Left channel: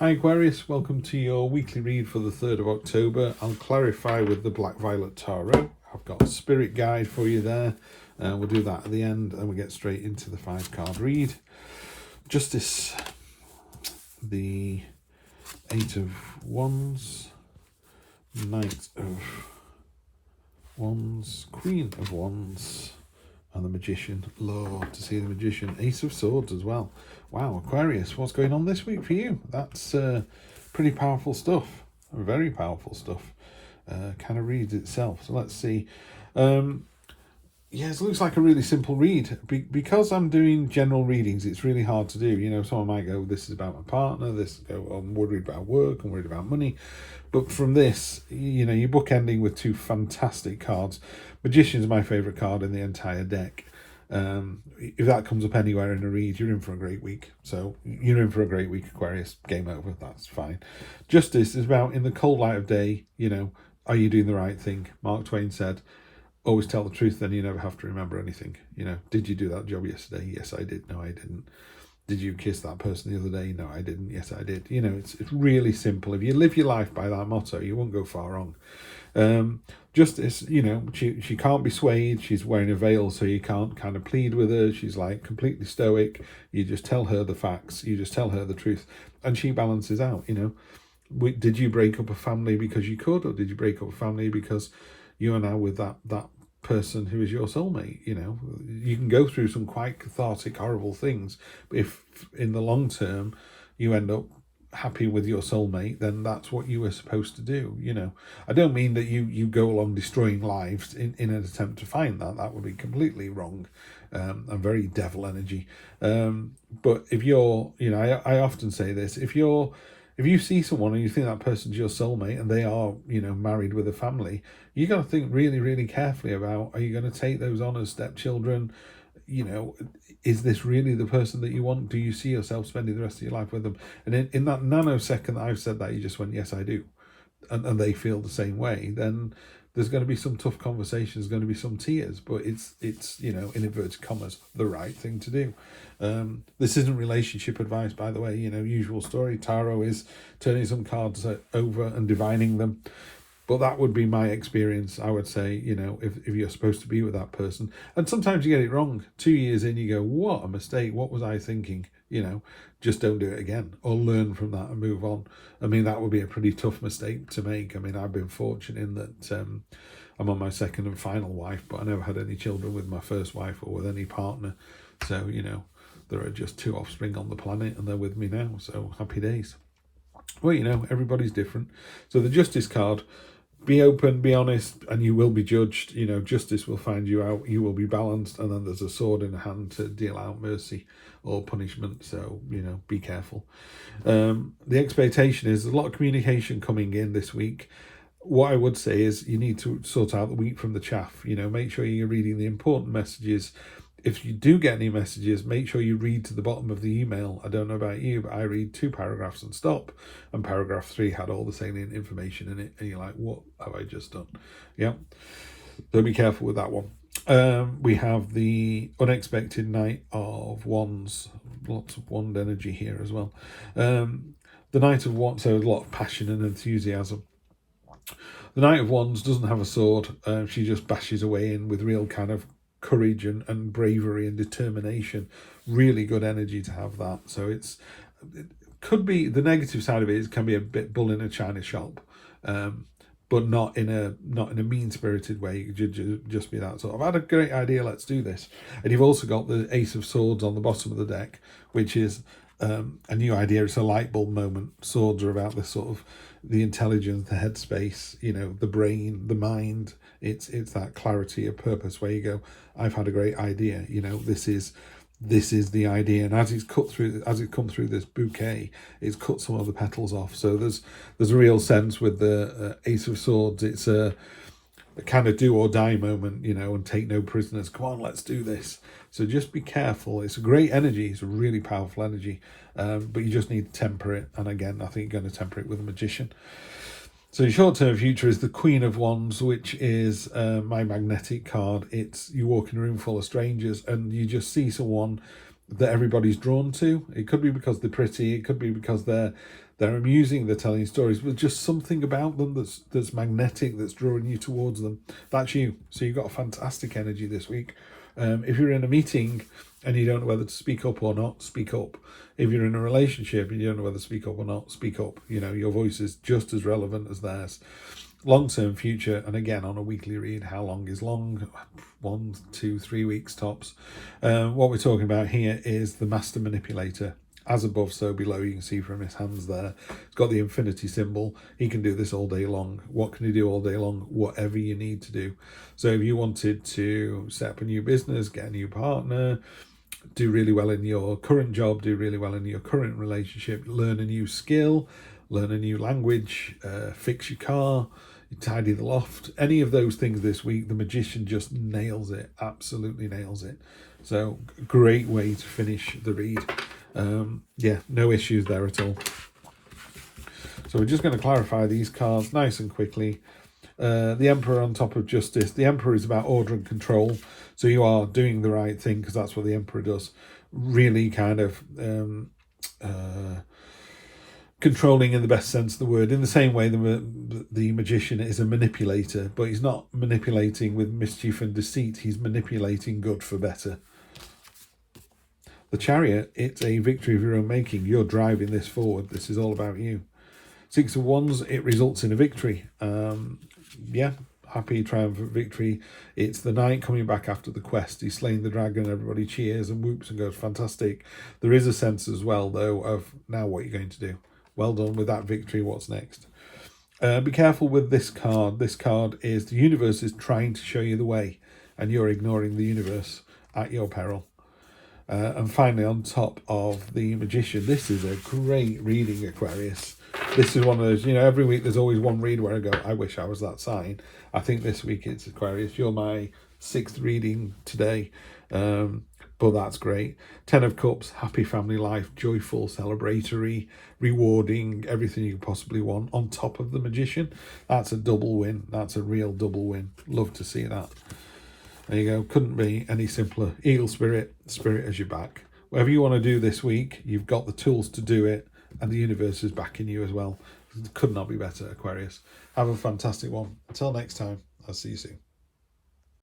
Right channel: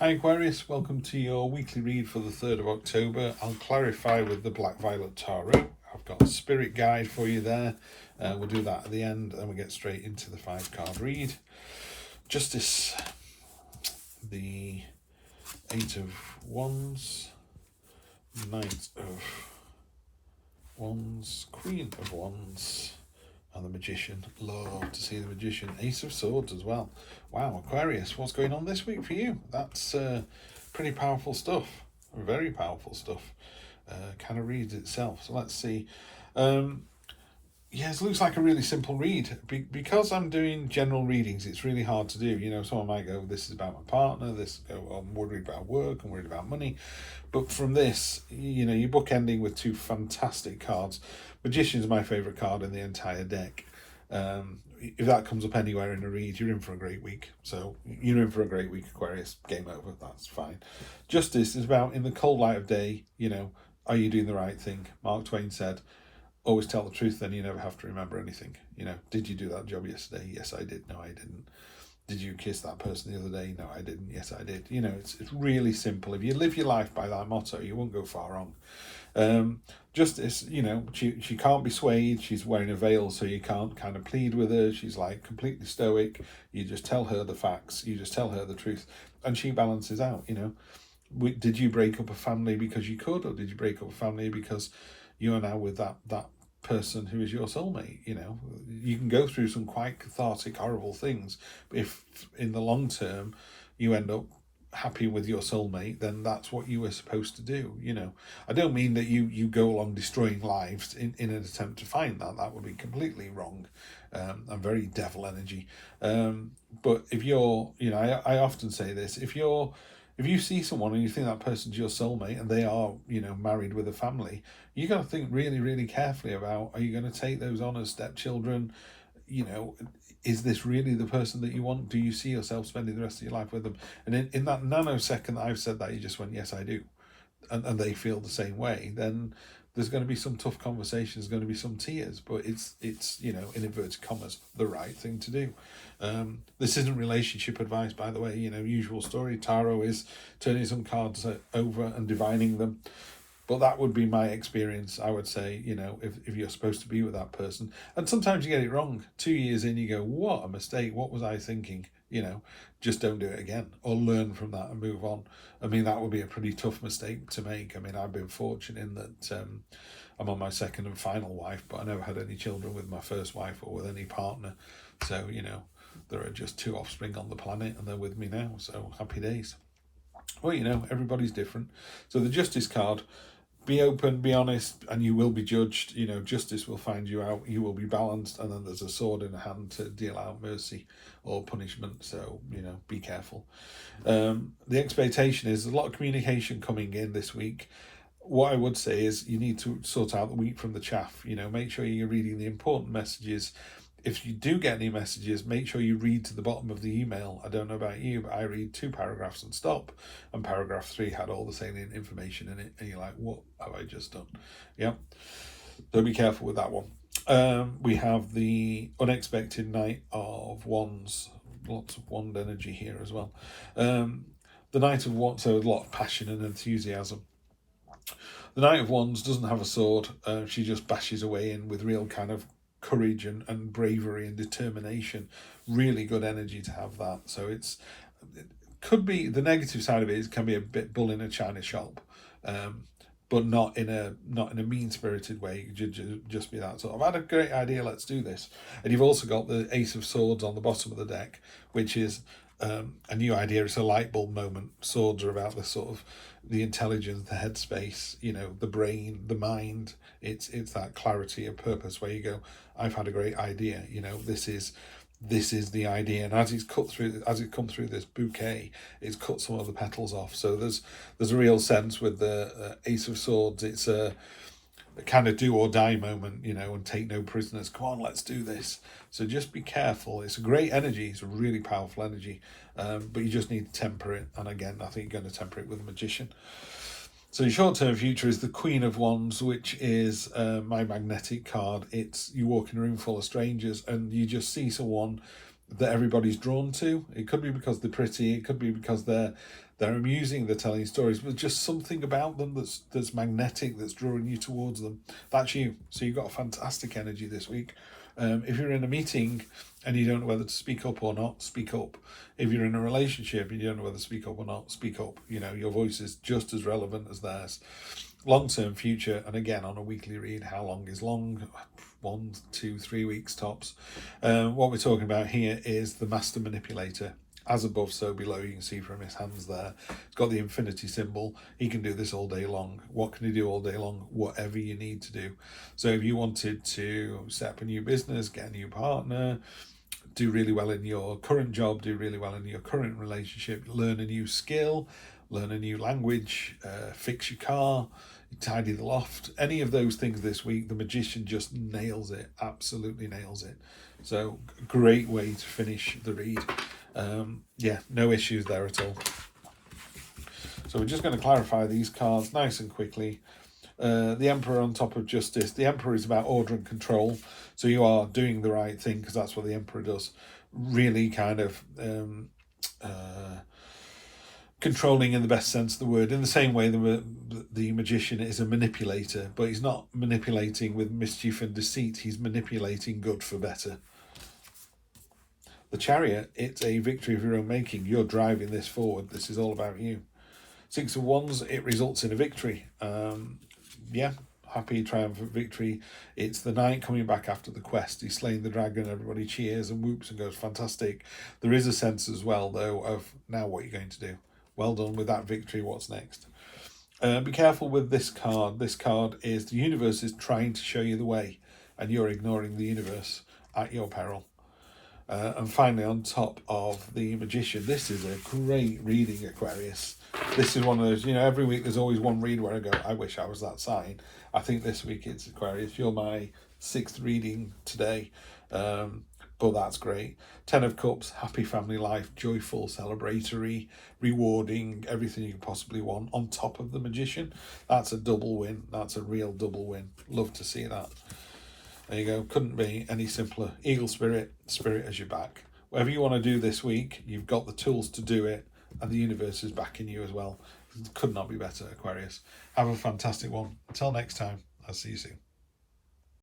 Hi Aquarius, welcome to your weekly read for the 3rd of October. I'll clarify with the Black Violet Tarot. I've got a spirit guide for you there. We'll do that at the end and we'll get straight into the 5-card read. Justice, the 8 of Wands, Knight of Wands, Queen of Wands, and the Magician. Love to see the Magician. Ace of Swords as well. Wow, Aquarius, what's going on this week for you? That's pretty powerful stuff. Very powerful stuff. Kind of reads itself. So let's see. Yes, it looks like a really simple read. Because I'm doing general readings, it's really hard to do. You know, someone might go, this is about my partner. This go, I'm worried about work. I'm worried about money. But from this, you know, you're bookending with two fantastic cards. Magician's my favourite card in the entire deck. If that comes up anywhere in a read, you're in for a great week. So you're in for a great week, Aquarius. Game over. That's fine. Justice is about, in the cold light of day, you know, are you doing the right thing? Mark Twain said, always tell the truth, then you never have to remember anything. You know, did you do that job yesterday? Yes, I did. No, I didn't. Did you kiss that person the other day? No, I didn't. Yes, I did. You know, it's really simple. If you live your life by that motto, you won't go far wrong. Justice, you know, she can't be swayed. She's wearing a veil, so you can't kind of plead with her. She's like completely stoic. You just tell her the facts. You just tell her the truth, and she balances out. You know, did you break up a family because you could, or did you break up a family because you are now with that person who is your soulmate? You know, you can go through some quite cathartic, horrible things, but if in the long term you end up happy with your soulmate, then that's what you were supposed to do. You know, I don't mean that you go along destroying lives in an attempt to find that would be completely wrong, and very devil energy. But if you're, you know, I often say this, if you see someone and you think that person's your soulmate and they are, you know, married with a family, you got to think really, really carefully about, are you going to take those on as stepchildren? You know, is this really the person that you want? Do you see yourself spending the rest of your life with them? And in that nanosecond that I've said that, you just went, yes, I do. And they feel the same way, then there's going to be some tough conversations, going to be some tears, but it's you know, in inverted commas, the right thing to do. This isn't relationship advice, by the way. You know, usual story. Tarot is turning some cards over and divining them. But that would be my experience. I would say, you know, if you're supposed to be with that person, and sometimes you get it wrong. 2 years in, you go, what a mistake. What was I thinking? You know, just don't do it again, or learn from that and move on. I mean, that would be a pretty tough mistake to make. I mean, I've been fortunate in that I'm on my second and final wife, but I never had any children with my first wife or with any partner. So, you know, there are just 2 offspring on the planet and they're with me now. So happy days. Well, you know, everybody's different. So the Justice card, be open, be honest, and you will be judged. You know, justice will find you out. You will be balanced, and then there's a sword in the hand to deal out mercy or punishment. So, you know, be careful. The expectation is there's a lot of communication coming in this week. What I would say is you need to sort out the wheat from the chaff. You know, make sure you're reading the important messages. If you do get any messages, make sure you read to the bottom of the email. I don't know about you, but I read 2 paragraphs and stop. And paragraph 3 had all the salient information in it. And you're like, what have I just done? Yeah. So be careful with that one. We have the unexpected Knight of Wands. Lots of wand energy here as well. The Knight of Wands, so a lot of passion and enthusiasm. The Knight of Wands doesn't have a sword. She just bashes away in with real kind of courage and bravery and determination. Really good energy to have that. So it could be, the negative side of it is can be a bit bull in a china shop, but not in a mean-spirited way. Just be that sort of, I had a great idea, let's do this. And you've also got the Ace of Swords on the bottom of the deck, which is a new idea. It's a light bulb moment. Swords are about this sort of the intelligence, the headspace, you know, the brain, the mind. It's that clarity of purpose where you go, I've had a great idea. You know, this is the idea. And as it's come through this bouquet, it's cut some of the petals off. So there's a real sense with the Ace of Swords. It's a kind of do or die moment, you know, and take no prisoners. Come on, let's do this. So just be careful. It's a great energy. It's a really powerful energy, but you just need to temper it. And again, I think you're going to temper it with a Magician. So short-term future is the Queen of Wands, which is my magnetic card. It's you walk in a room full of strangers and you just see someone that everybody's drawn to. It could be because they're pretty. It could be because they're They're amusing, they're telling stories, but just something about them that's magnetic, that's drawing you towards them. That's you. So you've got a fantastic energy this week. If you're in a meeting and you don't know whether to speak up or not, speak up. If you're in a relationship and you don't know whether to speak up or not, speak up. You know, your voice is just as relevant as theirs. Long-term future, and again, on a weekly read, how long is long? 1, 2, 3 weeks tops. What we're talking about here is the Master Manipulator. As above, so below. You can see from his hands there. It's got the infinity symbol. He can do this all day long. What can he do all day long? Whatever you need to do. So if you wanted to set up a new business, get a new partner, do really well in your current job, do really well in your current relationship, learn a new skill, learn a new language, fix your car, tidy the loft, any of those things this week, the Magician just nails it, absolutely nails it. So great way to finish the read. Yeah, no issues there at all. So we're just going to clarify these cards nice and quickly. The Emperor on top of Justice. The Emperor is about order and control. So you are doing the right thing, because that's what the Emperor does. Really kind of controlling in the best sense of the word. In the same way, the Magician is a manipulator, but he's not manipulating with mischief and deceit. He's manipulating good for better. The Chariot, it's a victory of your own making. You're driving this forward. This is all about you. 6 of Wands, it results in a victory. Yeah, happy, triumphant victory. It's the knight coming back after the quest. He's slaying the dragon. Everybody cheers and whoops and goes, fantastic. There is a sense as well, though, of now what you're going to do. Well done with that victory. What's next? Be careful with this card. This card is the universe is trying to show you the way, and you're ignoring the universe at your peril. And finally, on top of the Magician, this is a great reading, Aquarius. This is one of those, you know, every week there's always one read where I go, I wish I was that sign. I think this week it's Aquarius. You're my 6th reading today, but that's great. 10 of Cups, happy family life, joyful, celebratory, rewarding, everything you can possibly want. On top of the Magician, that's a double win. That's a real double win. Love to see that. There you go. Couldn't be any simpler. Eagle spirit, spirit as your back. Whatever you want to do this week, you've got the tools to do it, and the universe is backing you as well. Could not be better, Aquarius. Have a fantastic one. Until next time, I'll see you soon.